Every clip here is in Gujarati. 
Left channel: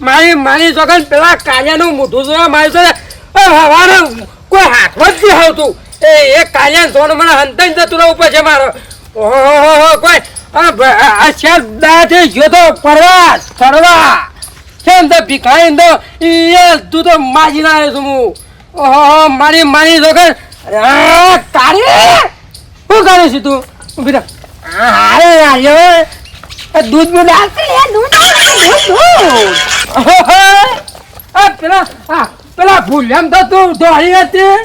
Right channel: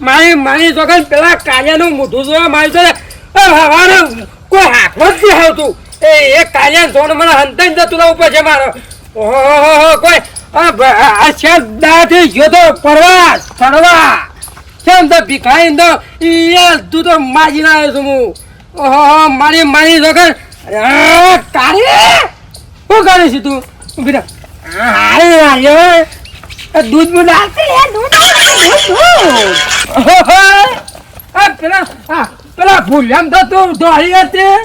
મારી જોગન પેલા કાલિયાનું મોઢું જોવા મારી છે હવાનું કોઈ હાથમાં જ નહીં આવતું એ કાલિયા જોડ મને હંતાઈ જતું રહેવું પછી મારો ઓહો કોઈ આ શેર દાથી ગયો તો ફરવા કેમ તો ભીખાઈ તો એ તું તો માજી ના આવ્યો છું હું ઓહો મારી જોગન તારી શું કરે છે તું ઉભી દૂધ બૂધ પેલા ભૂલ્યામ તો તું દોડી હતી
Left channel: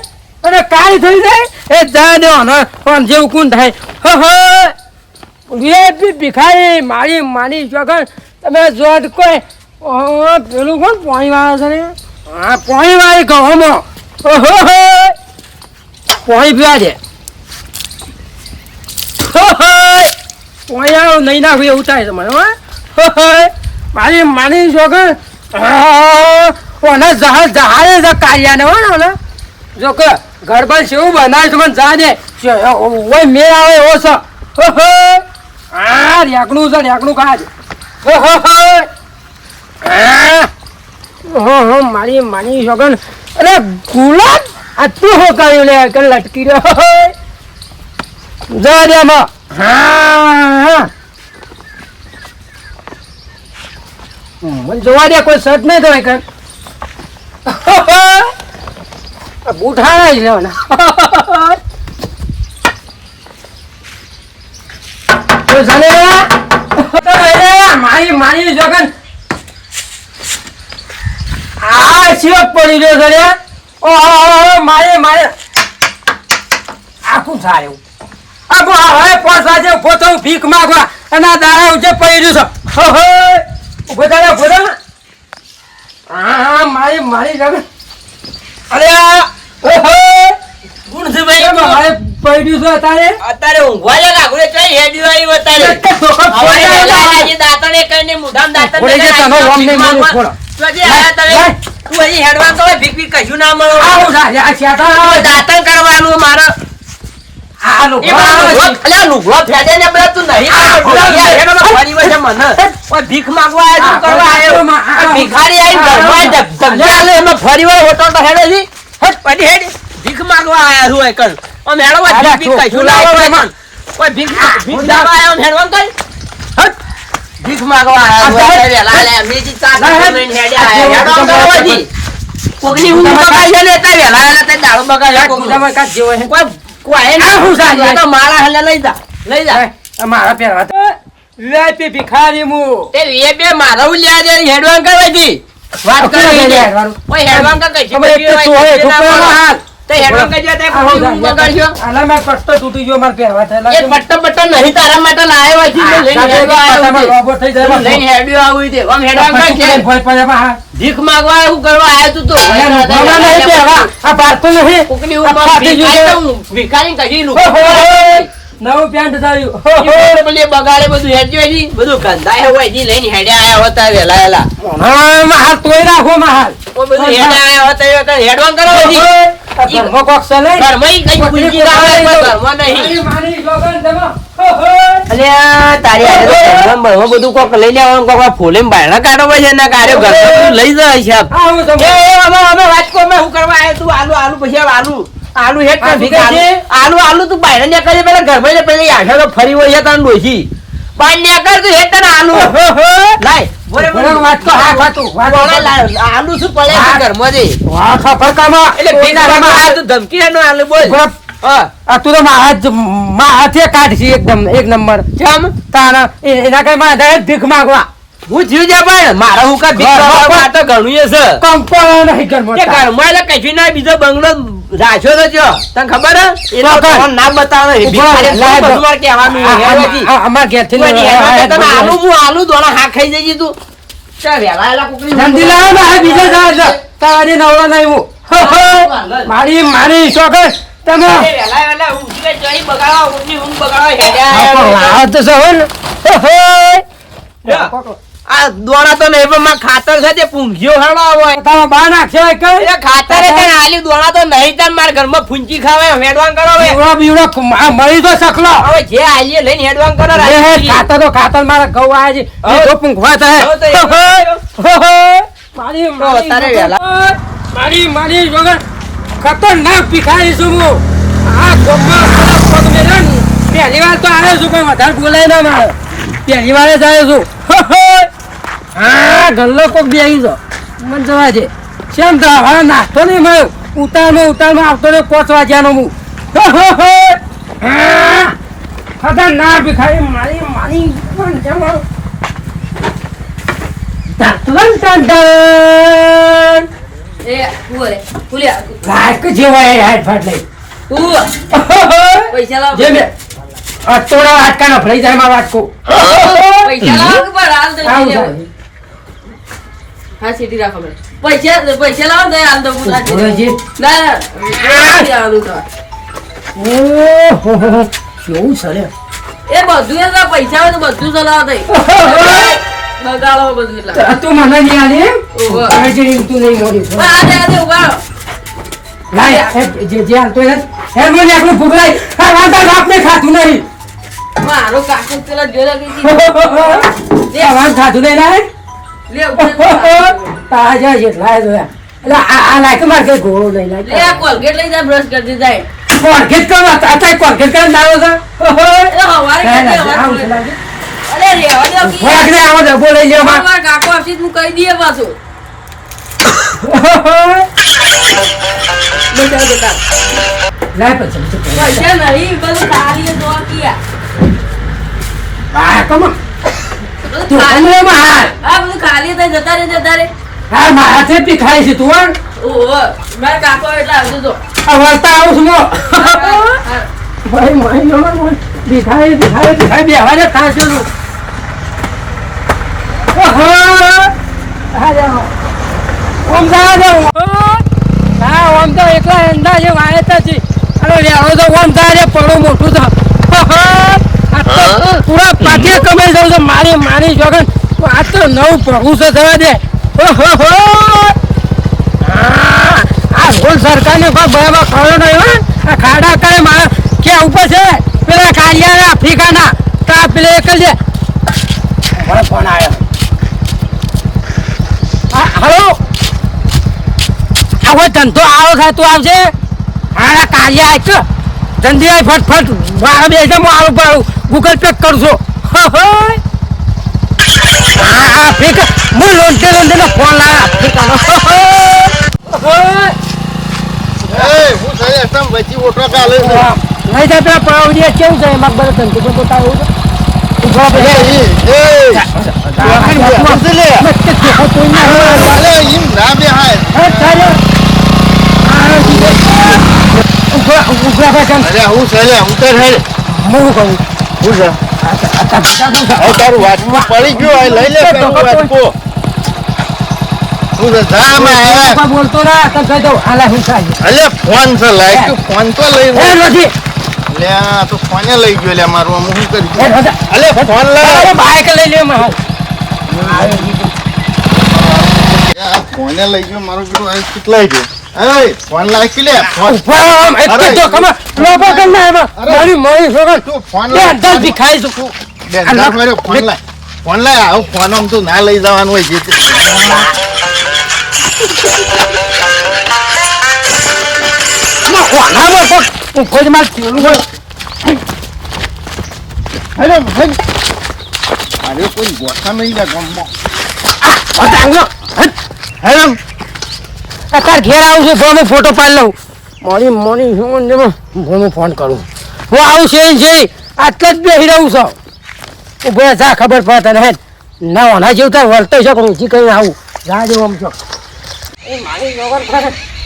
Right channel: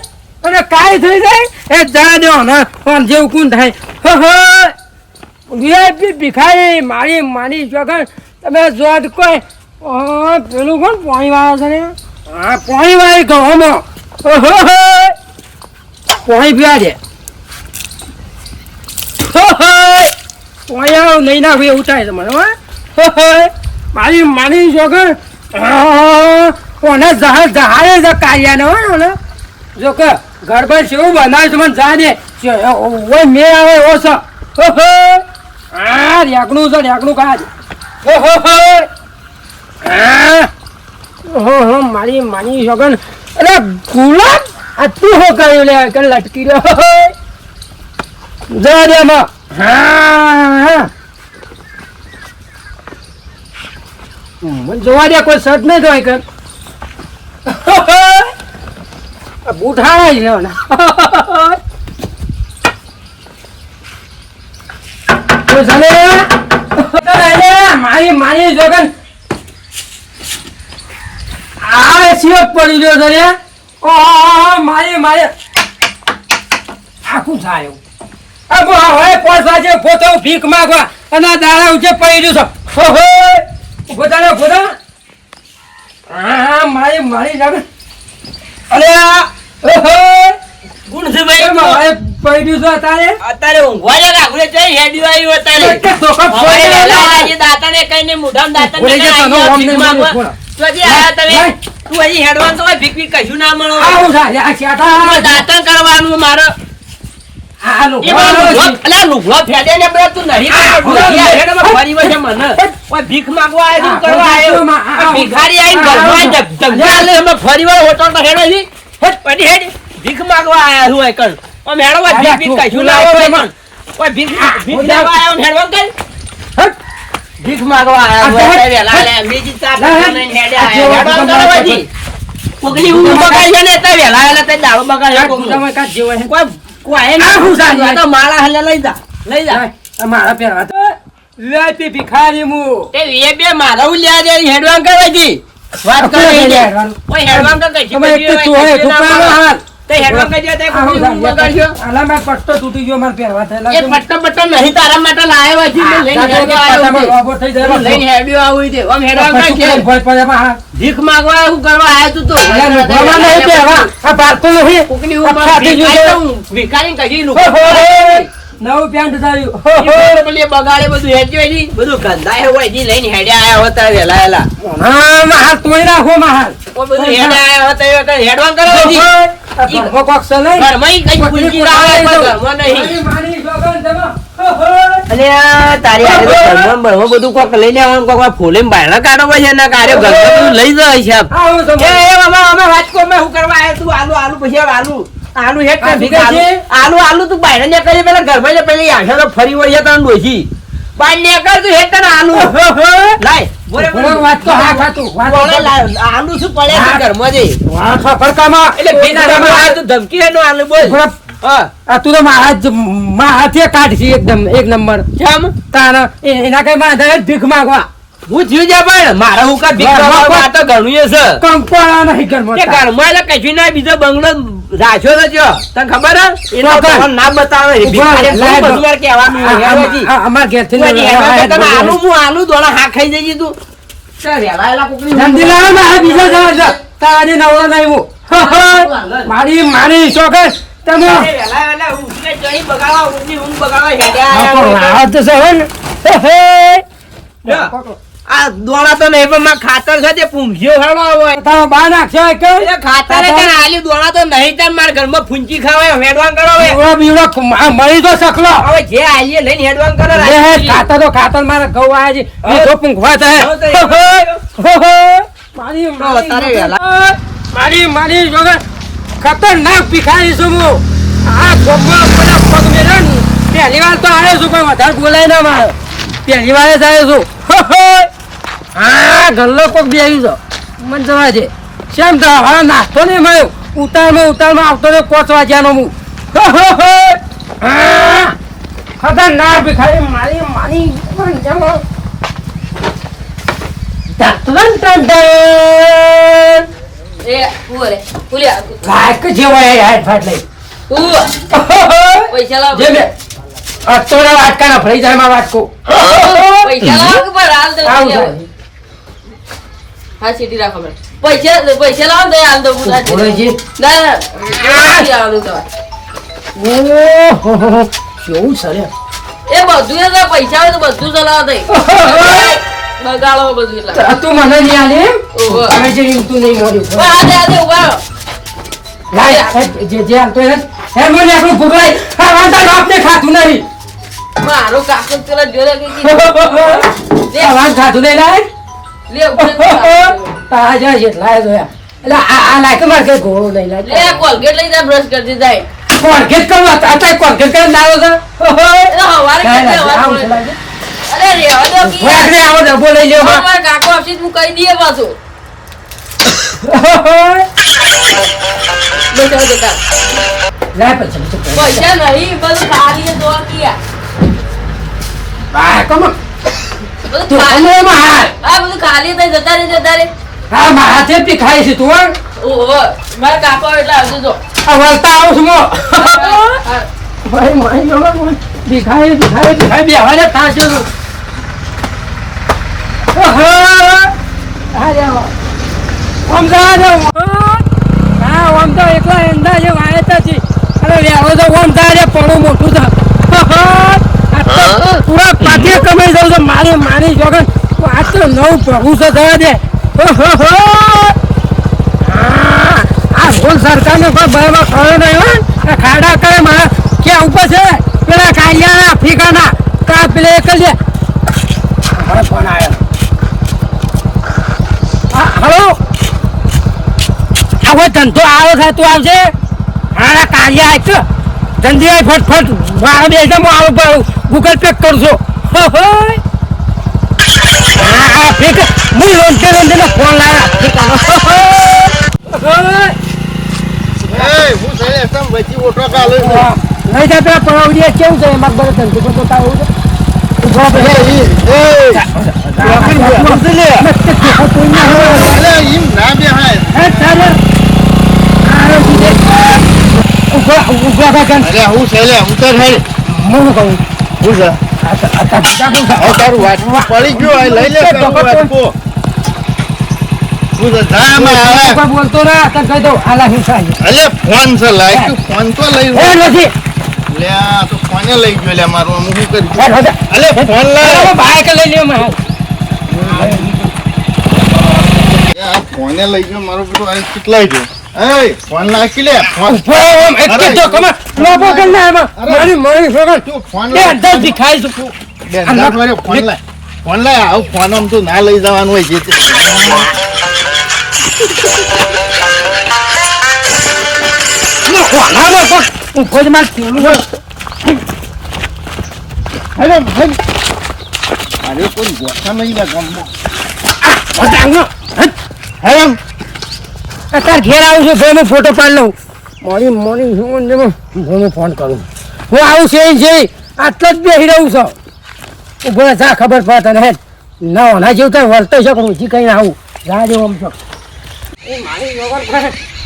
અને કાળી થઈ જાય એ જા દો ને પણ જેવું કોણ થાય વીઆઈપી ભીખાઈ મારી વગર તમે જોડ કોઈ પેલું કોણ પાણી વાળા છે ને હા પાણી વાળી ગવામાં પાણી પીવા દે પોયા નહીં નાખું એવું થાય છે મને મારી જોગર કોને જહાડે કાઢ્યા ને હોય જો કે ગરબા જેવું બનાવે છે મને જા દે મેળ આવે એવો છે હા રેકણું છે રેકણું કાઢ મારી જોગન અરે ગુલાબ આ તું હો કર્યું લે કે લટકી રહ્યો જા દે માં હા મને જોવા દે કોઈ શર્ટ નહીં ધોય કર બુઠા જ લેવાના મારી જગન આ શિવક પડી ગયો છે મારે આખું સારું હવે પાછા પોતો ભીખ માંગવા અને દાડા ઉઠે પડી રહ્યું છે ગોદાડો હા મારી જગન અરે ગુણ છે ભાઈ મારે પડી રહ્યું છે અત્યારે ઊંઘવા જ રાખું કઈ હેડ્યું આવ્યું અત્યારે દાંતને કઈને મુઢામ દાંતને ભીખ માંગવા તો જે આયા તમે તું હજી હેડવાન તો ભીખ ભીખ કશું ના મળો આવું છે દાંતન કરવાનું મારે ભીખ માંગવા ભિખારી ભીખ માંગવા ભીખ માંગવા કોકની ઊંઘ બગાડી ને દાડો બગાડ્યો કોઈ ના હુસાની તો માળા હલે લઈ જા મારા પહેરવા તો વીઆઈપી ભિખારી મુ તે વે બે મારા ઉલ્યા દે હેડવાન કરવા દી વાત કરે લે કોઈ હેડવાન કા કઈ છે તે હેડવાન કઈ દે તે કોઈ બગાડ્યો આલા મે પટ્ટો તૂટી ગયો માર પહેરવા થેલા એ પટ્ટો નહીં તારા માટે લાયો હતી મે લઈને હેડવા રોબો થઈ જાય લઈને હેડ્યો આવું દે ઓમ હેડવાન કઈ છે ભોય પડે ભીખ માંગવા હું કરવા આયો તું તો ભગવાન નહીં પહેરવા આ પારતો નહીં કોકની ઉંમર ભિખારી કઈ લુકો નવું પેન્ટ થયું બોલે બગાડે બધું હેડ્યો ની બધું ગંધાય હોય ની લઈને હેડ્યા આયા હોતા વેલા હા માર તોય રાખો માર ઓ બધું હેડ્યા આયા હોતા હેડવાન કરવા દી ઈ કોક સલે ઘરમઈ કઈ પૂંજી આવે ઘરમાં નહીં મારી જોગન દેવા અલે તારી આજે તો ઘરમાં બધું કોક લઈને આવવાનું કોક ફોલેમ બાયણા કાઢો છે ના કાર્ય ઘરમાં બધું લઈ જાય છે એ અમે વાત કો મે હું કરવા આયો તું આલુ પછી આલુ હેટ ના ભીખ આલુ તું બાયણા ને કરે પેલા ઘરમાં પેલી આશા તો ફરી વળી તને ડોસી બાય ને કર તું હેટ ના આલુ લાય બોરે વાત તો હા ખાતું આલુ શું પડે છે ઘરમાં જે વાહ ખબર કામાં એટલે ભીના આ તું ધમકી હેનો આલુ બોલ આ તું તો હાથે કાઢી એકદમ એક નંબર કેમ તારા એના કઈ માં ભીખ માંગવા હું જીવ જા ભાઈ મારા હું કા ભીખ માંગવા તો ઘણું છે કંપા નહીં ઘરમાં કે ઘરમાં એટલે કઈ ના બીજો બંગલો રાખ્યો તો જો તને ખબર હે એ તો ના બતાવે ભીખારી બધું માર કહેવાનું હેવાજી અમાર ઘેર થી તને આલુ દોણા હા ખાઈ જઈ તું ચા વેલાયલા કોકની જલ્દી લાવ ના બીજો જા તારી નવળો નહીં હું મારી શોખર તમે વેલા ઉઠે જઈ બગાડવા ઉઠની ઊંઘ બગાડવા હેડ્યા આ તો સવન આ દોણા તો નહીં પણ માં ખાતર છે તે પૂંઘ્યો હેડવા હોય તમે બા નાખશો કે એ ખાતર કે આલી દોણા તો નહીં તાર માર ઘરમાં ફૂંચી ખાવે હેડવાન કરો હવે બીવડો મળી તો સકલો હવે જે આલીએ લઈને હેડવાન કરો ખાતર તો ખાતર મારા ઘઉં આયા છે એ તો પૂંઘવા થાય મારી વગર ખતરનાક ભિખારી છું હું. આ ગોમમાં પેલા પગ મેલ્યો ને પહેલી વાર તો આવ્યો છું, પણ વધારે બોલાય ના મારે. પહેલી વાર જ આવ્યો છું. હા ગલ્લો કોક બી આવ્યું છે, મને જવા દે. કેમ તો હવે નાસ્તો નહીં મળ્યો. ઉતારમાં આવતો રહ્યો 5 વાગ્યાનો હું. ખતરનાક ભિખારી મારી પૈસા લાવ અત્તોડા વાટકાના ભરાઈ જાય માં વાટકો. પૈસા લાવ કે પર હાલ દે. હા સીધી રાખો મને. પૈસા લાવ દે હાલ દો. ના કેવું સરે એ બધું એ પૈસા હોય તો બધું ચલાવ દે. બગાડો બધું એટલા. તું મને નહીં આલે તું નહીં મોડી ઉભા લાય જે હાલતો હે મને આપણું ભૂગલાય વાંધા આપને ખાતું નહીં. મારો કાકો પેલા જોડે ગઈ વાંધ ખાતું નહીં લાય તાજા જેટલા જોયા. એટલે આ લાયક માર કે ઘોડો લઈ લાય. લે કોલગેટ લઈ જા બ્રશ કરતી જાય. કોલગેટ કરવા અત્યારે કોલગેટ કરવા ના આવ્યો અરે રેવા દો કી. વાગરે આવો ડબ્બો લઈ લ્યો માં. મારા કાકો આપસી તું કહી દઈએ પાછો. લાય પછી પૈસા નહીં બધું ખાલી તો કિયા. વાહ કમ બધું તું ખાલી. કમોમાં હાલ. હા બધું ખાલી તો જતા રે. હા માથે પીખાય છે તું ઓહો મારા કાકો એટલે આવજો તો. આ વળતા આવું છું ભાઈ મારી નંબર પીખાય બે હવાને ખાશો તું. ઓમ તો એકલા એંડા છે વાયતા છે. અરે લેવો તો ઓમ તારે પડો મોટું તો પૂરા પાટીએ કમાઈ જાઉં છે મારી જોગન. આ તો નવું પ્રભુ છે થવા દે. આ રોલ સરકારને કોઈ બરાબર ખરો નહીં હોય. આ ખાડા કરે મારા ક્યાં ઉપર છે પેલા કાલિયા આફ્રિકાના કા પેલે એક જ ફોન આવ્યો. હલો આવો ધંધો આવો ખાતું આવશે. હા કાલિયા આવશે ધંધી આવી ફટફટ મારા બે આવું પાડું ગૂગલ પે કરશો. હા ફેક હું લોન્ટે ફોન લાવ્યા આફ્રિકાનો. હું સાહેબ તમ વચ્ચે ઓટો કાલે નહીં થાય પેલા પડાવડીએ કેવું છે એમાં બધા ધંધો તો બતાવું છે. પડી ગયો લઈ લે બોલતો ના કહી દઉં આલા હું થાય ફોન છે લાય ફોન તો લઈ લે તો ફોને લઈ ગયો લે મારું હું શું કરી ફોન લે બાઈક લઈ લે ફોને લઈ ગયો મારું બેટું કેટલા ગયો ફોન લાગી લે ફોન ફોન લાય આવું ફોન આમ તો ના લઈ જવાનું હોય છે. અરે કોઈ ગોઠા નહીં લે તાર ઘેર આવું છું ફોન ફોટો પાડી લઉં. મોડી હું ફોન કરું. હું આવું છે આટલો જ બેસી રહું છું. ઉભો જા ખબર પડે તને હે ના ઓના જેવું તાર વળતો છે હજી કઈ આવું જા જેવું આમ છો. એ મારી વગર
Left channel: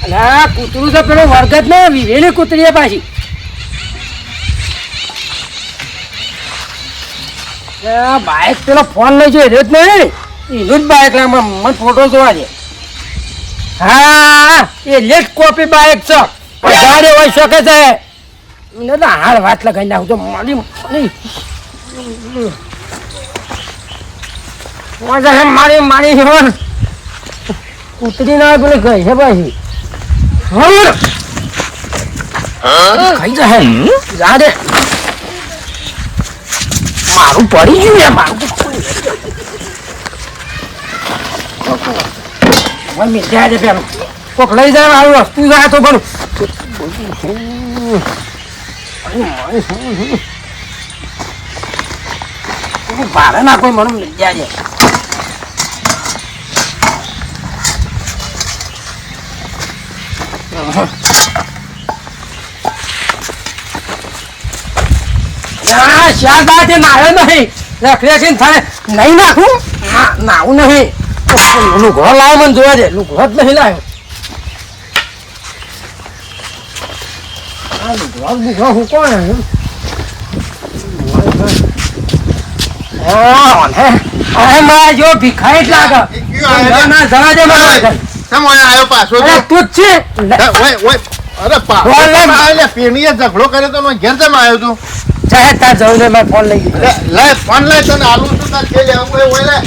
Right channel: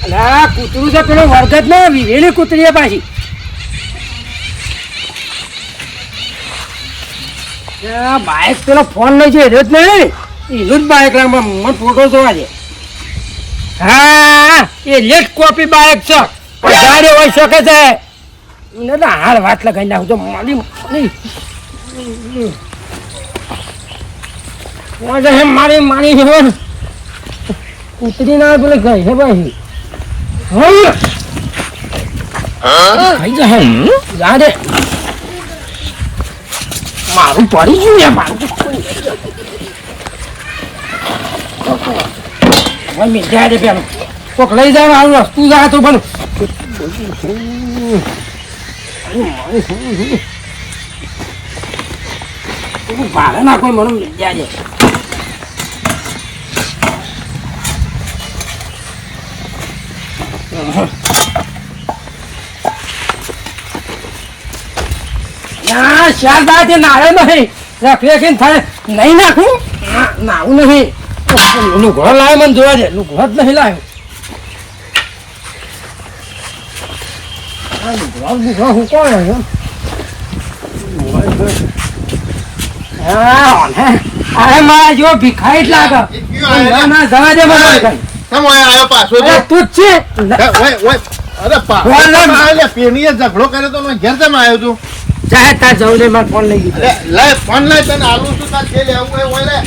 અલા કૂતરું તો પેલો વર્ગત ને વિવેલી કૂતરી પાછી. બાઇક પેલો ફોન લઈ જાય રહ્યો જ નહીં એનું જ બાઇક મને ફોટો જોવા છે. હા એ લેટ કોપી બાઇક છે ગાડી હોય શકે છે. હાલ વાત લગાઈ નાખજો મારી કૂતરી ના પેલે ગઈ છે ભાઈ ખાઈ જાય દે મારું પડી ગયું મારું ઓય મિલ જાય છે પેલું કોક લઈ જાય આવું વસ્તુ જાય તો બનું ભાડે ના કોઈ મને મિલ જાય શારદા તે નાળે નહીં રેખરેખી થાય નહીં નાખું નાવું નહીં લુઘો લાવે મને જોવા દે લુઘો જ નહીં લાવ્યો લુઘો હું કોણ આવ્યો જો ભીખાઈ જ લાગે ના જવા દે મને આવ્યો પાછો તું જ છે અરે પેણીએ ઝઘડો કર્યો તો ઘેર જમ આવ્યો તું ચાહે તાર જવું ને મારે ફોન લઈ ગયો લે ફોન લે તને આલું છું તાર કે લેવું કોઈ હોય લે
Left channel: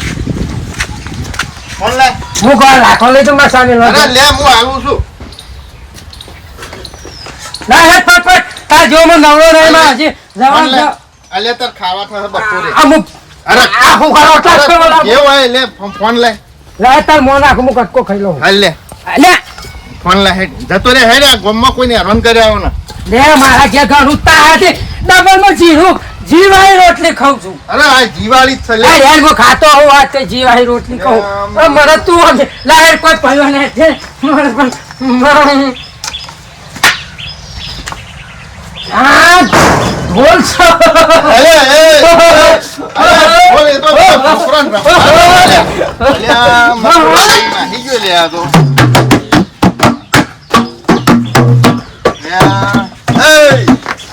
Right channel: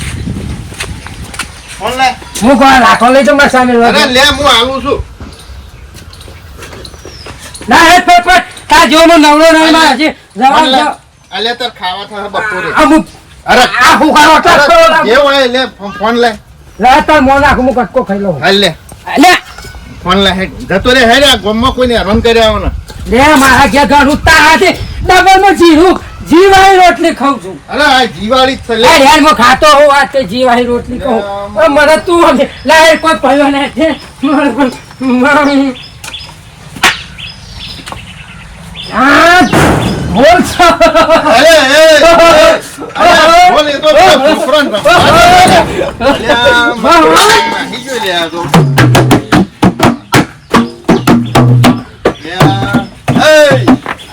ફોન લે હું કોણ રાખો લઈ તો મારે સામે અરે લે હું આલું છું ના હે પટ તાર જો મને નવરો નહીં માં હજી જવા દો અલે તાર ખાવા થશે બપોરે અમુક અરે આ હું કરો જે હોય લે ફોન લે લે તાર મોં નાખું હું કટકો ખાઈ લઉં હાલ લે લે ફોન લે હેડ જતો રે હેડ આ ગામમાં કોઈને હેરાન કર્યા આવો ને લે મારા ઘેર ઘણું તારાથી ડબલમાં જીરું જીવાઈ રોટલી ખાઉં છું અરે આ જીવાળી જ છે લે યાર હું ખાતો હોઉં આ તે જીવાઈ રોટલી ખાઉં મને તું સમજે લાવે કોઈ ભયો ને છે મારે પણ હા બોલ છો અલે બોલ એ તો ફ્રન્ટ લે આ તો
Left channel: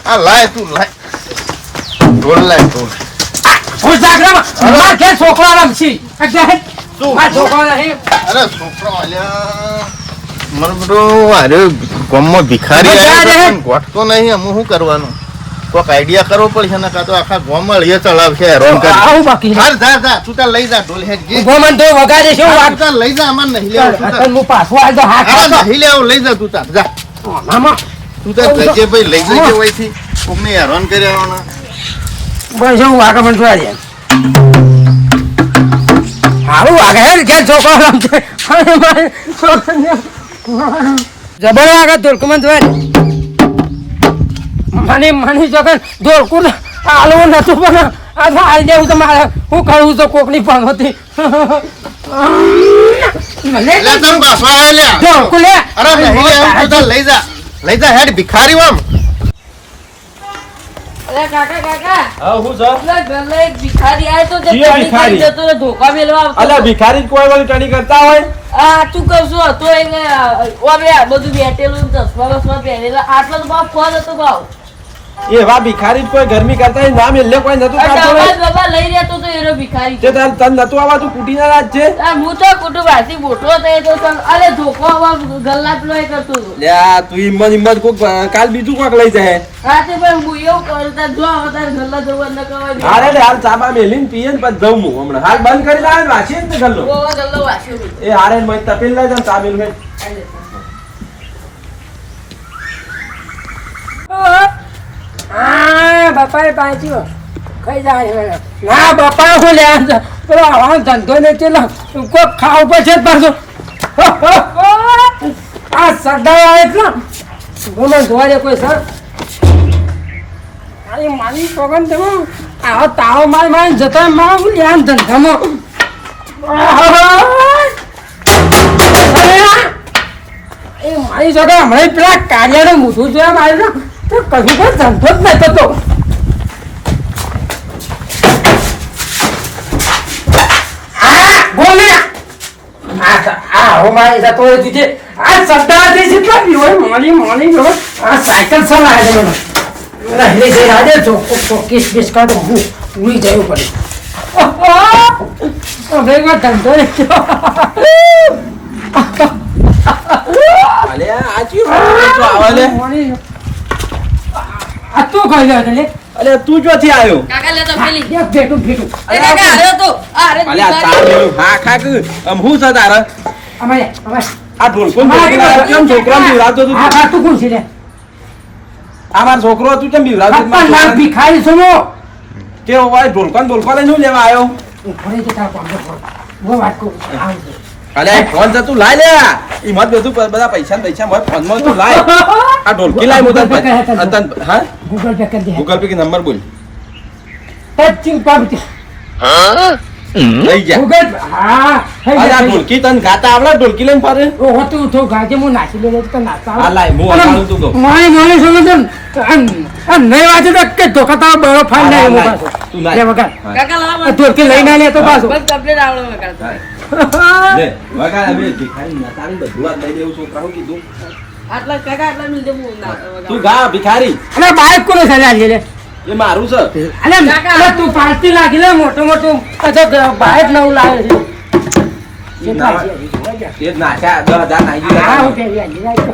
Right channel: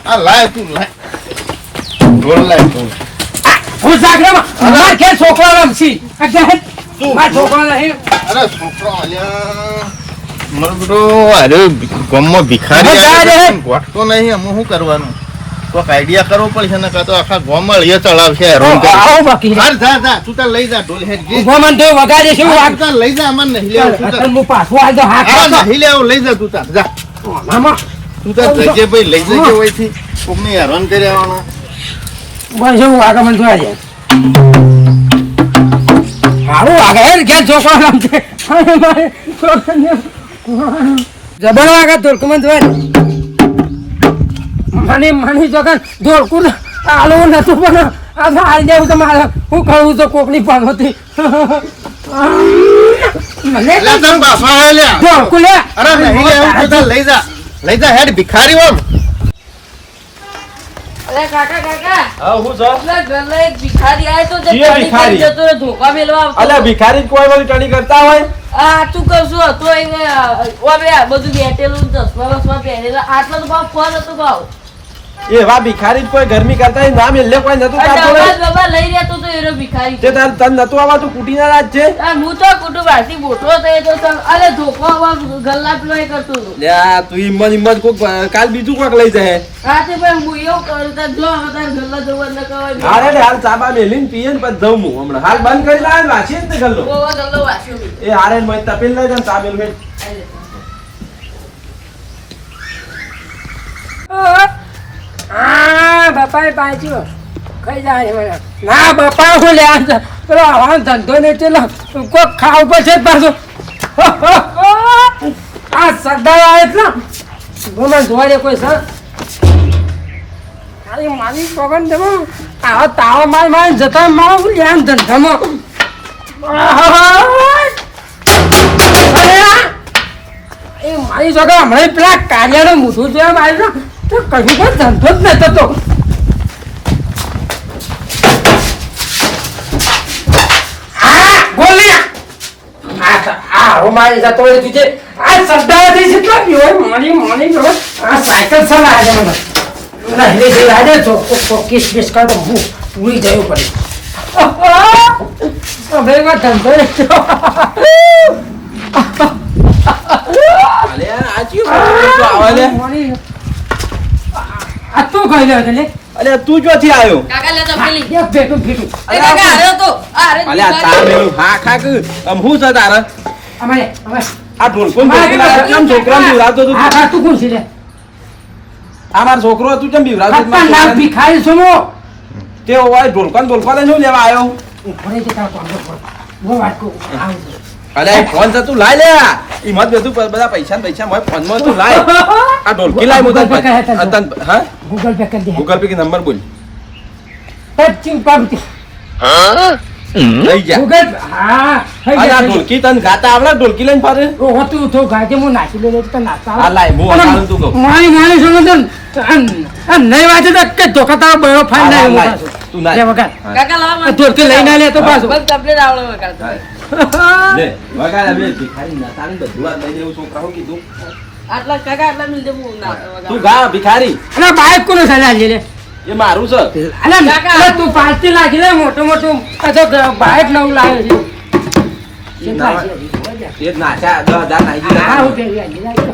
આ લાય તું લાય ઢોલ લાય ઢોલ હું જાગરામાં માર ઘેર છોકરો રમશી માર છોકરો નહીં અરે છોકરો અલ્યા મારો બેટો અરે ગામમાં ભિખારી આવ્યો ગોઠતો નહીં હું શું કરવાનું કોઈક આઈડિયા કરવો પડશે ને કાં તો આખા ગામમાં લઈએ ચલાવશે હેરાન કરી આવું બાકી હાલ જા તું તાર લઈ જા ઢોલ હેડ જી ગોમન તો વગાડે છે તું તાર લઈ જા અમાર નહીં લેવું તું તાર હું પાછો આવી તો હાથ હા નહીં લેવું લઈ જા તું તાર જા મામા તું તાર જજે ભાઈ લઈ જજે વહીથી કોકને હેરાન કરી આવવાના બસ હું આગળ પણ જોવા દે હારું આગળ ઘેર છોકરો રમશે જબર આગળ ધોળકુમાં જોવા દે મને જોગન ધોળકું આલો નતું પણ આ આવી દેવું તો મારે હું કહું તો કોકની પામતી લે તમ બાપા હે લે ધોળકું લે અરે નહીં લેવું તું તાર લઈ જા હેડ ભિખારી આમ અરે કાકા હા હું છો પેલા ઘરના એક ભિખારી આયો તો જે જી, ટણી ભિખારી. કરી જતો રે, ધોકા મેલવા આવતો અલ્યા હતો. ભિખારી કોઈ વાળી ટણી કરતા હોય આ તું કહું છું હતો એને ઓમે આ બધું બેઠેલું ચશ્મા બસમા પહેરેલા આટલો તો ભાવ ફોન હતો ભાવ એવા ભિખારી કોઈ ગરમી કરતા હોય નામ એટલે કોઈ નતું આ કાઢતો ડબ્બા ને. ડબ્બા લઈ રહેતો તો એનો ભિખારી તે તન નતું આવા તું કુટીના રાજ છે આ હું તો કુટુંબ આથી મોટો થયો તો અરે ધોકો આવા ગલ્લા પેલો એ કરતો હતો લ્યા તું હિંમત કોક કાલ બીજું કોક લઈ જાય રાતે ભાઈ હું એવું કરતા જો તાર ગલ્લા જવા ન કવાય હારે ને હાલ ચાબા મેલીને પીએ ને પછી જવું હું હમણાં હાલ બંધ કરી લાવે ને વાંચીએ ને તે ગલ્લો ગોવા ગલ્લો વાંચ્યો મેં. એ હારે ને મય તપેલ લઈ જાય ચા મેલું હા બાપા પાછું ખાઈ જાય ના બાપા હું લે પેલો આવાનો ધંધો ને ચેલો કોક ખાવ પડશે જ પાછું આ સરદાર આવે એટલે ગમે જોવા દે કોઈ સર મારી મારી પગન તમે આવો તાવો માર જતા મારો લ્યાન ધંધામાં એ મારી છોકરા હમણાં પેલા કાર્યાનું મોઢું જોયા માર્યું તો કશું કોઈ ધંધો જ નતો તો સાયકલ ચલાવે મને હેલે જઈ રાજે ચોક્કીસ બીસ કાઢો હું પૂરી જવું પડે હવે ધંધો અલ્યા આ ચિયો તો આવે લે આ તું ખાઈ લે એટલે અલ્યા તું ચોથી આવ્યો કાકા લે તો પેલી એક ભેટું ભેટું એ કાકા આવ્યો તો આ અરે અલ્યા ચા મેલું હા ખા કે હું છે તારા અમારે અમારે આ ઢોલકો કેમ છોકરા બીવરાતો તું આ તું કોણ છે લે આ મારો છોકરો હતું કેમ બીવરાતો તું? આપણા નામ ભિખારી સુનો તે હોય ઢોલકો ને બોલકો લઈને શું લેવા આવ્યો ભરે છે તારા પાંડો હું વાત કહું આવું છે અલે ફોન તો તું લાય લે ઈ મત બધું બધા પૈસા ને પૈસા મોય ફોન માં તું લાય આ ઢોલકી લાય મો તન હા ગૂગલ પે કરી દે ગૂગલ પે કે નંબર બોલ 25 લઈ જા ગૂગલ હા અરે આ ઢોલકી તન ગાતા આવડા ઢોલકી લઈને ફરે ઓ હતું તો ગાજે હું નાચી લે તો નાચા આ લાય મો આવું તું કહો મારી સમજન નહીં વાંચે તો કે ધોકાતા બરો ફાઈલ નહીં મો પાછો તું લાય લે વગર કાકા લાવો ધોરકે લઈને લે તો પાછો બસ કમ્પ્લીટ આવડે વગાડતા લે વગાડ હવે ભિખારી ના તારી બધું વાત લઈ દેવું છોકરા હું કીધું આટલા કાકા આટલા મિલ દે હું ના તું ગા ભિખારી અરે બાઈક કોને સજા લે એ મારું છે અરે તું પાર્ટી લાગી લે મોટું બાઈક નવું લાવે છે એ નાખ્યા 10,000 નાખી હા દીધા હું કે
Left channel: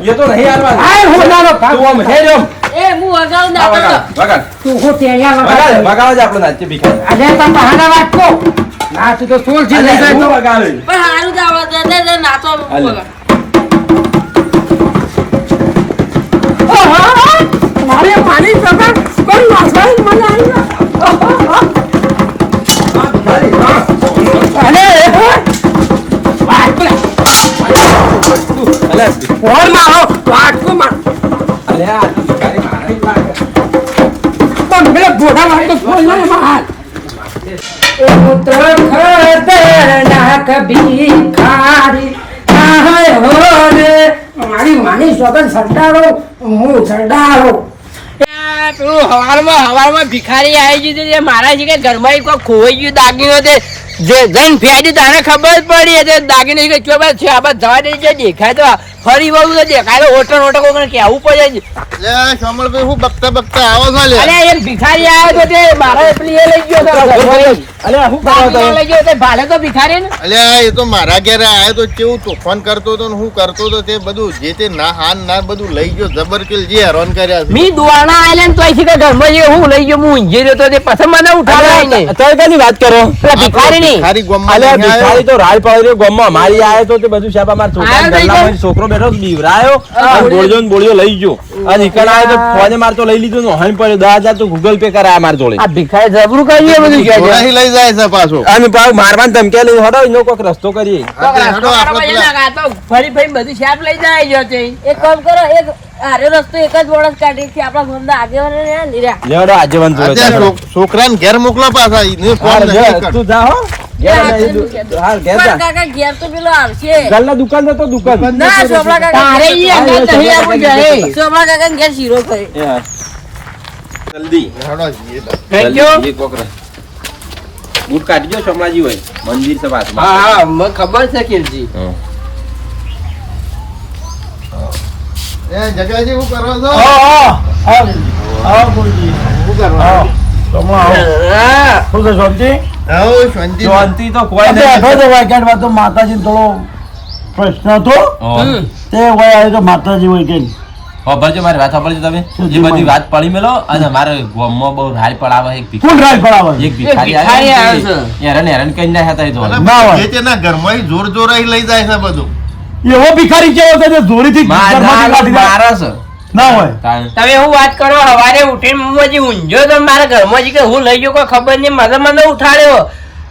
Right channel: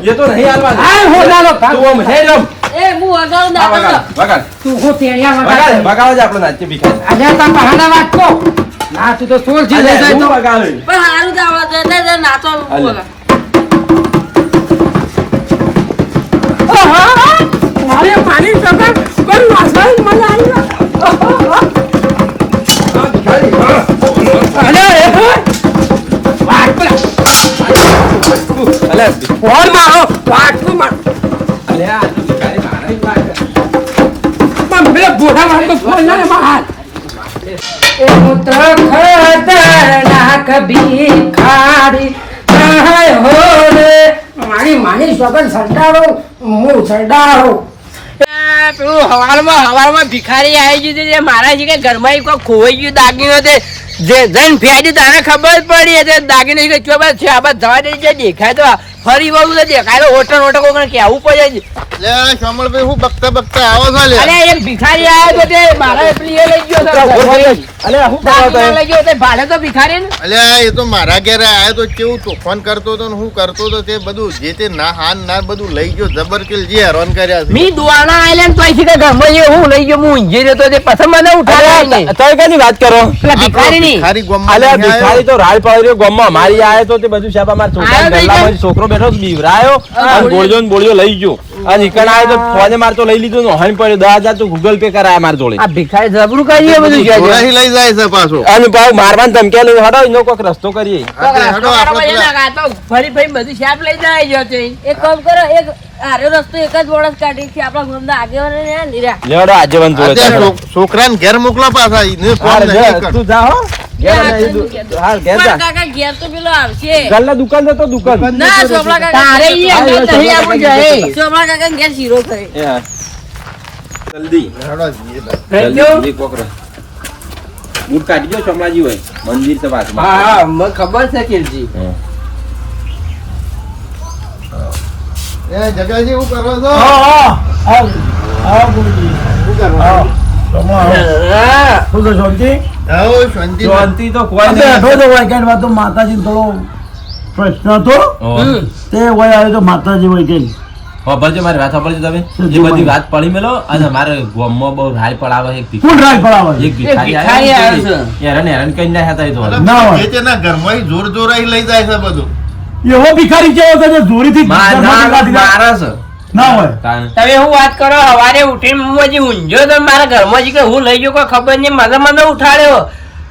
એ તો નહીં હાલવા હા હું નાનો તું આમ હે રમ એ હું વગાડું આ ના વગાડ તું હું તેયા વગાડ વગર વગાડ આપણે નાચીએ ભિખારી આજે તમે બહાના વાત કો ના તું તો સોળ જી લઈ જાય તો વગાડ પણ હારું જ આવડે દે નાચો હાલે. વગાડ મારે પાણી સગા કોઈ વાસણ મને આવી અરે વાત પર અલે ફોન માં વાત કો માં અલે આ ભિખારી મારા જ લાગે પણ મેરે બોડા વાત તો ફોન ના માં એ પુત્ર ખતરનાક ભિખારી આય હો રે મારી માની સ્વગન સરદારો હું સરદારો પેલું હવારમાં ભિખારી આવી ગયું છે મારા છે કે ઘરમાં કોઈ ખોવાઈ ગયું દાગીનો તે જે જન ફેડી તાને ખબર પડી તે દાગીનો કે ચોબા છે આ બસ જવા દે દેખાય તો ફરી વળું તો દેખાય તો ઓટો કોઈ કેવું પડે લે કમળભાઈ હું બકતા આવો છો લે અરે એક ભિખારી આવ્યો તો તે મારા પેલી એ લઈ ગયો અલે હું દાગીનો લઈ ગયો તે ભાડે તો ભિખારી ને અલ્યા એ તો મારા ઘરે આવ્યો તો કેવું તોફાન કરતો હતો ને હું કરતો હતો તે બધું જે તે ના હાન ના બધું લઈ ગયો જબરકિલ જે હેરાન કર્યા છે મી દુવાના આઈલેન્ડ તો અહીંથી કે ઘરમાં જે હું લઈ ગયો હું ઊંઘી રહ્યો તો તે પછી મને ઉઠાડ્યો નહીં તમે કઈ વાત કરો પેલા ભિખારી નહીં ભિખારી ગોમમાં અલે નહીં આવ્યો. ભિખારી તો રાડ પડી રહ્યો ગોમમાં અમારી આયો તો તે બધું સાહેબ અમાર આયો તો છોકરા છોકરો બેઠો બીવરાયો અને બોળ્યો ને બોળ્યો લઈ ગયો અને ઈકણ આયો તો ફોને માર તો લઈ લીધો ને હણ પડ્યો 10,000 તો ગૂગલ પે કરાયા માર જોડે આ ભિખારી જબરું કરીએ બધું કે છે જોરાથી લઈ જાય છે પાછો અને પાછું મારવાન ધમકી લઈને હડો એનો કોઈક રસ્તો કરીએ હેડો આપણે પેલા ફરી ફરી બધું શાપ લઈ જાય છે તે. એક કામ કરો એક આરે રસ્તો એક જ વળસ કાઢી છે આપણા ગામના આગેવાને ને આ નીરા લેવડો આજેવન જોડે અત્યારે છોકરાને ઘેર મોકલો પાછા એને ફોન નહીં કર. તું જા હો ઘેર હા ઘેર પણ જા કાકા ઘેર તો પેલો આવશે ગલ્લા દુકાન તો દુકાન ના સોમલા કાકા તારે ઈ અંદર નહીં આવવું જોઈએ. સોમલા કાકા ઘેર શીરો કરે એ હા જલ્દી હેડો જઈએ તો. Thank you. જલ્દી કોકરા બૂટ કાઢજો સોમલાજી હોય મંદિર છે પાછું હા હા મને ખબર છે કિરજી એ જગાજી હું કરો છો શું કરો હા. આવો શાંતિ શાંતિ તો કોઈ નહીં માતાજી થોડો પ્રશ્ન હતો હમ. તે વય આવ્યો તો માતાજી વય કે સાંભળજો મારી વાત સાંભળજો તમે એ બધી વાત પડી મેલો અને મારે ગામમાં બહુ રાડ પડાવે એક કોણ રાય પડાવે એક ભિખારી ભિખારી આવ્યો આવ્યો છે હેરાન હેરાન કરી નાખ્યા તા એ તો અલા, ના હોય. જે તેના ઘરમાં ય જોર જોરાઈ લઈ જાય છે બધું એવો ભિખારી કેવો છે જે જોરીથી ઘરમાંથી કાઢી જાય? મારે છે ના હોય તાણ. તમે હું વાત કરો સવારે ઉઠીને હું હજી ઊંઝો તો મારા ઘરમાં હજી કે હું લઈ ગયો કોઈ ખબર નહીં મને ઉઠાડ્યો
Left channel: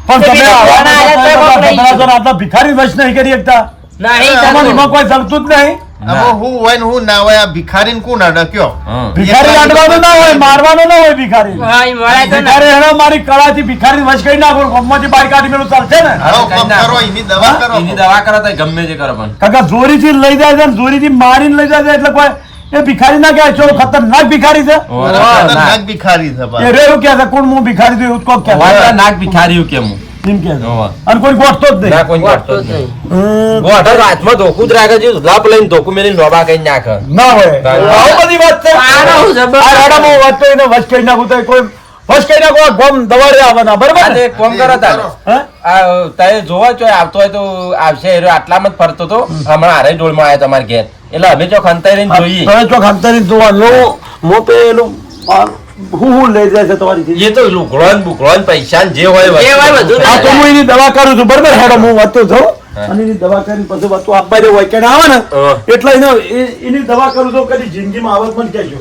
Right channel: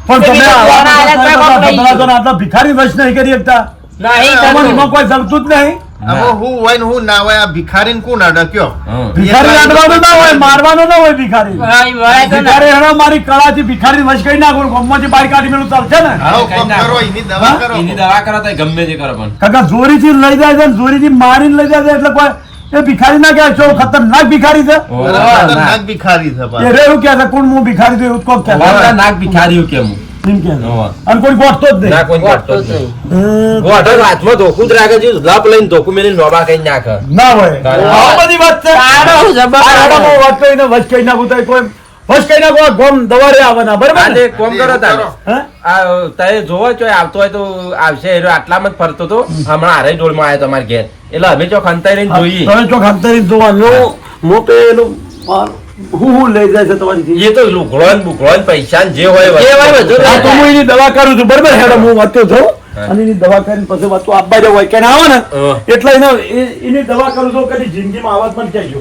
પણ તો તમે બીજા આવા કોણ આયા તો કોક લઈ ગયો. બધા આટલા ભિખારી વશ નહીં કરી શકતા નહીં એમાં થતું. એમાં કોઈ ચાલતું જ નહીં આમાં હું હોય ને હું ના હોય આ ભિખારીને કોણ અડક્યો હા. ભિખારી લાડવાનું ના હોય મારવાનું ના હોય ભિખારી હા, ઈ મળે તો ના. ભિખારી હેડો મારી કળાથી ભિખારી વશ કરી નાખો ગોમમાંથી બહાર કાઢી મેલું ચાલશે ને આવો કામ કરો એની દવા હા? કરો એની દવા કરો તો ગમે તે કરો પણ કાકા જોરીથી લઈ જાય છે ને જોરીથી મારીને લઈ જાય છે એટલે કોઈ એ ભિખારી ના કહેવાય છો ખતરનાક ભિખારી છે ખતરનાક ભિખારી છે એ પાછો. રે એવું કહે છે કોણ હું ભિખારી છું એવું જ કોક કહે છે. વાતા નાક ભિખારીઓ કેમ એમ કહે છે. હોવા. અને કોઈ ગોઠતો જ ના નહીં કોઈ વાંચતો કરતો જ જ નહીં. હમ, ગોઠો હાથમાં ધોકું જ રાખે છે લપ લઈને ધોકું મેલીને લોબા કઈ નાખે ના હોય તારે. આ બધી વાત છે તારો જબર. આ હેડામાં વાત કરીને વચ કરી નાખું તો કોઈ વચ કરી નાખો આ ગોમ દવાડે આવવાના બરાબર આજે ને? એક કામ કરો તારે હે? આ તારે જોવો છો આવતો હોય તો આવશે એ રહ્યો આટલામાં જ ફરતો તો હમણાં હારે જોડમાં આવ્યો તમારે ઘેર એટલે અમે ચોક અંતાઈ લઈને જોઈએ તમે ચોક હાથતારી જોવાનું મો પેલું હું લઈ જાય છે તમારી એ તો લુગડો ને બુકડો ને પૈસા ને જે હોય જે હોય બધું આ તો હું એની દવા કરું છું બરાબર હેડો હું વાંચતો થઉં હા. અને એની દવા કરીને પછી વાંચું આપવા જાવ હોય કે ના આવે ને એટલે એની દવા કરું છું કદી જિંદગીમાં આવત પણ કહેજો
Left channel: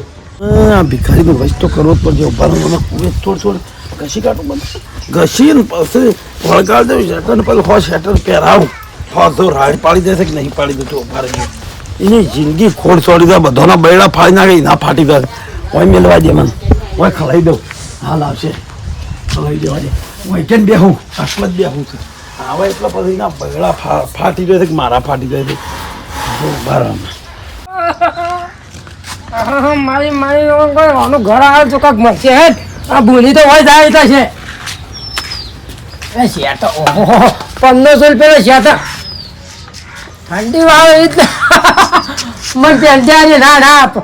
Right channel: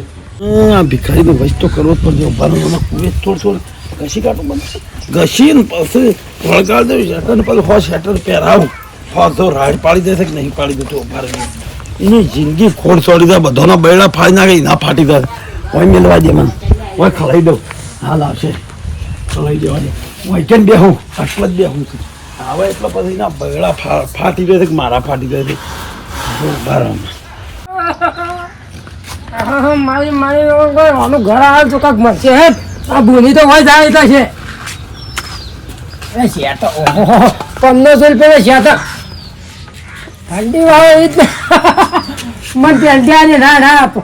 આ ભિખારીનો વસ્ત તો કરવો જ પડશે ઉભાનો કુવે થોડું ઘસી કાઢું બધું ઘસી ને પછી વળગાડ દઉં શેટર ને પછી હો શેટર પહેરાવું તો રાડ પાડી દેશે કે નહીં પાડી દેતો ઉભા રહીને એની જિંદગી ખોડ છોડી દે બધાના બૈડા ફાડી નાખે ના ફાટી જાય ઓય મેલવા દે મને ઓય ખલાઈ દઉં હાલ આવશે ખલાઈ દેવા દે ઓય કેમ બેહું આટલા જ બેહું છું આવે એટલે પછી ના બૈડા ફાટી જાય કે મારા ફાટી જાય છે ઉભા રહો મારી આનું ઘર આવે તો કાંક મળશે હે આ ભૂલી તો હોય જાય એટલે છે એ શેઠ ઓહો 1500 રૂપિયા શેઠ ઠંડી વાળો એ જ મને પેંટિયાની ના ના આપો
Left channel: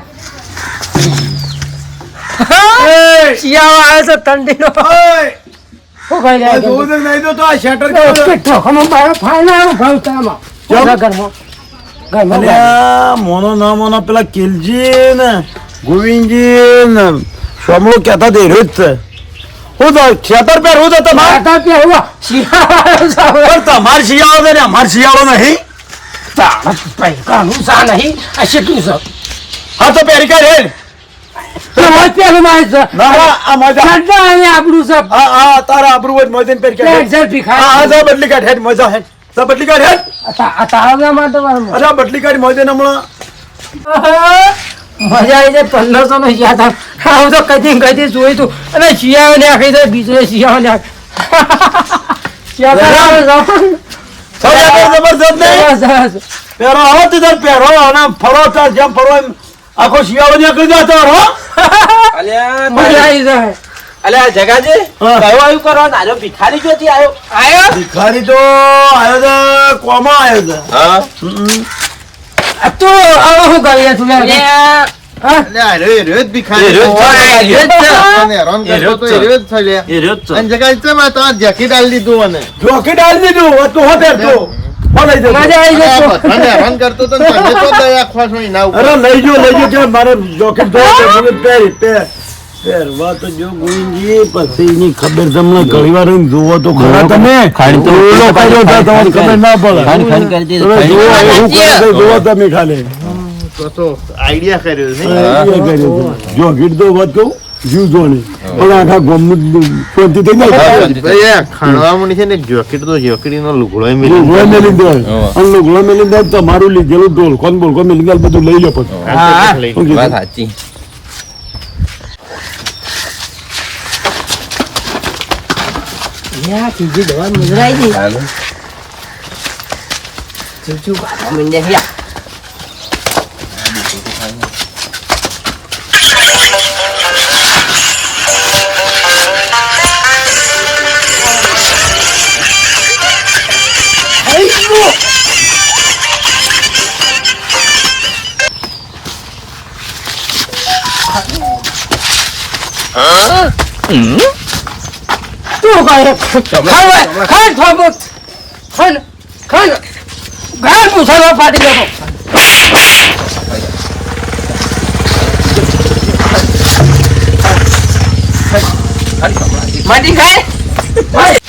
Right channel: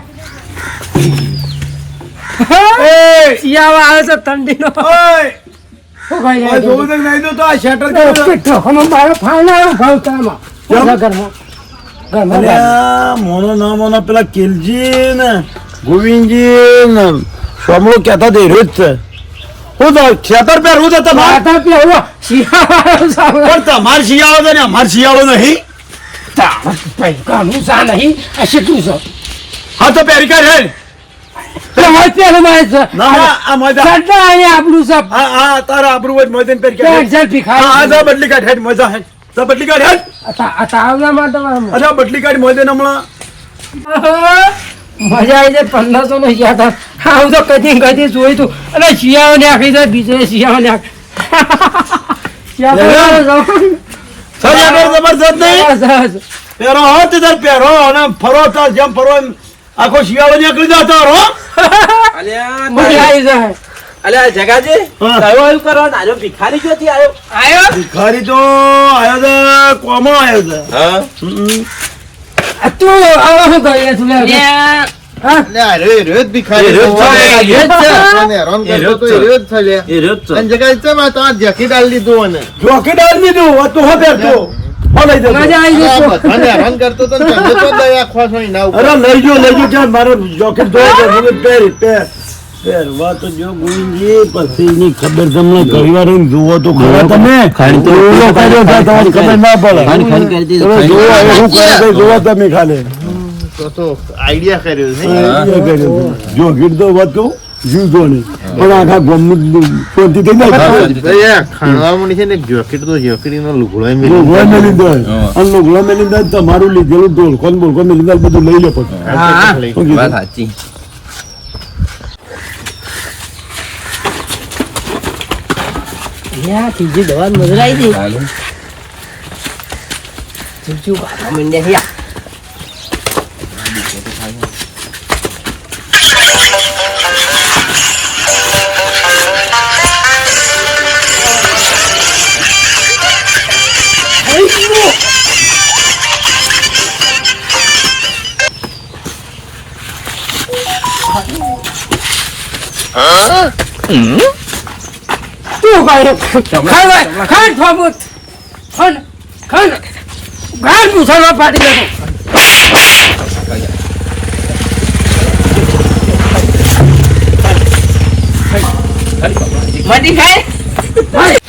શિયાળો આવે છે ઠંડીનો શું કહી રહ્યા છો? જોવું તો નહીં તો આ શેટર કેટલો ખમો મારો ફાવનારો ભાવ તામાં ઘરમાં અને આ મોનો ના મોનો પેલા કિલજી ને ગોવિંદજી ને સોમલો કહેતા તે રોજ છે હું તો ખેતર પહેરવું તો તમારે માતા પેહવા શિયાળો સાવે પણ તમારે શિયાળો છે ને અમારે શિયાળો નહીં કાનું સા નહીં આ શેટું છે હા તો પહેરી કાઢ હેડ તમારે પેલું મારે છે ના આ મજા સડ્ડા અહીંયા આપણું છે હા તારા આબરૂ હોય મજા પહેરી કાઢ પેન્ટ શર્ટ ભીખાય હા જા બદલી કાઢ હેડ મજા હેડ જા બદલી કાઢ હેડ તારો ગયા માટે મારું અરે બદલી કાઢ મજા હમણાં મજા આવી જાય 1500 નો યાદ આવું તો કદી જોયું તું અને શિયાળો ને આખી જાય બીજો શિયાળો ને જબરજસ્ત નહીં પહેરો હો તે તાર પહેરો અને ફરો તાર જેમ ફરો એમ આખો શિયાળો નીકળી જતો હો અલ્યા મજા આવી જાય અલ્યા જગાજી હા. કયો આવ્યું કરવાનું આજો ભિખારી જોતી આવ્યો ભિખારી તો આવ્યો છે કોમાં આવ્યો છે હા આ તું હવે શું કરી તું લે હા એટલે આ રે રે જ ભિખારી એ રહ્યો જ છે. અને હેરાન કરતો તો એ રહ્યો જ છે લ્યા. એ રહ્યો જ છે. અને જગ્યાએ છે માં તો આ જેકેટ આલી દીધું મને જોકી ડાલ દીધું તું હો પહેરતો હો લઈ જતો મજા આવી અને આ જાય બધાને હેરાન કરતો તો ને તમે તો દયા ખોશો એના ઉપર. અરે લઈ જો કે મારે જોકેટ ધો પહેરવા તો જો ગોવિંદજી પછી એની ખબર તમને ઘણી વાર રહીને જુઓ તો ખરા તમે ઓલો કર્યો છે તમારી ખબર ના પડે તમે જુઓ એ શું કરે છે જુઓ તમે ખાલી તો આઈડિયા કર્યો છે નહીં? જો ગીત તો વાત કહું જીવ જો નહીં પણ આખા ગમનું શાંતિ થઈ જાય ભાઈ આ ખાણવા માંડી છે ને જોકેટ તો જોકેટીનો લુગડોય મેલી લુગડો મેલી દે અને લુગડો મેલી દે તમારું લીધેલું ઢોલ કોણ બોલ કોણ મેલી દે બધું લઈ લો પછી લઈ શું કીધું? વાત સાચી યા ત્રીજી દવા નજર આવી ગઈ ચૂચું કાઢવા માંડ્યા છે તું કાંઈ ખાન થોબું ખાન ખાન ગાળ પૂછાવા પાડી લેતો માટી ખાય ભાઈ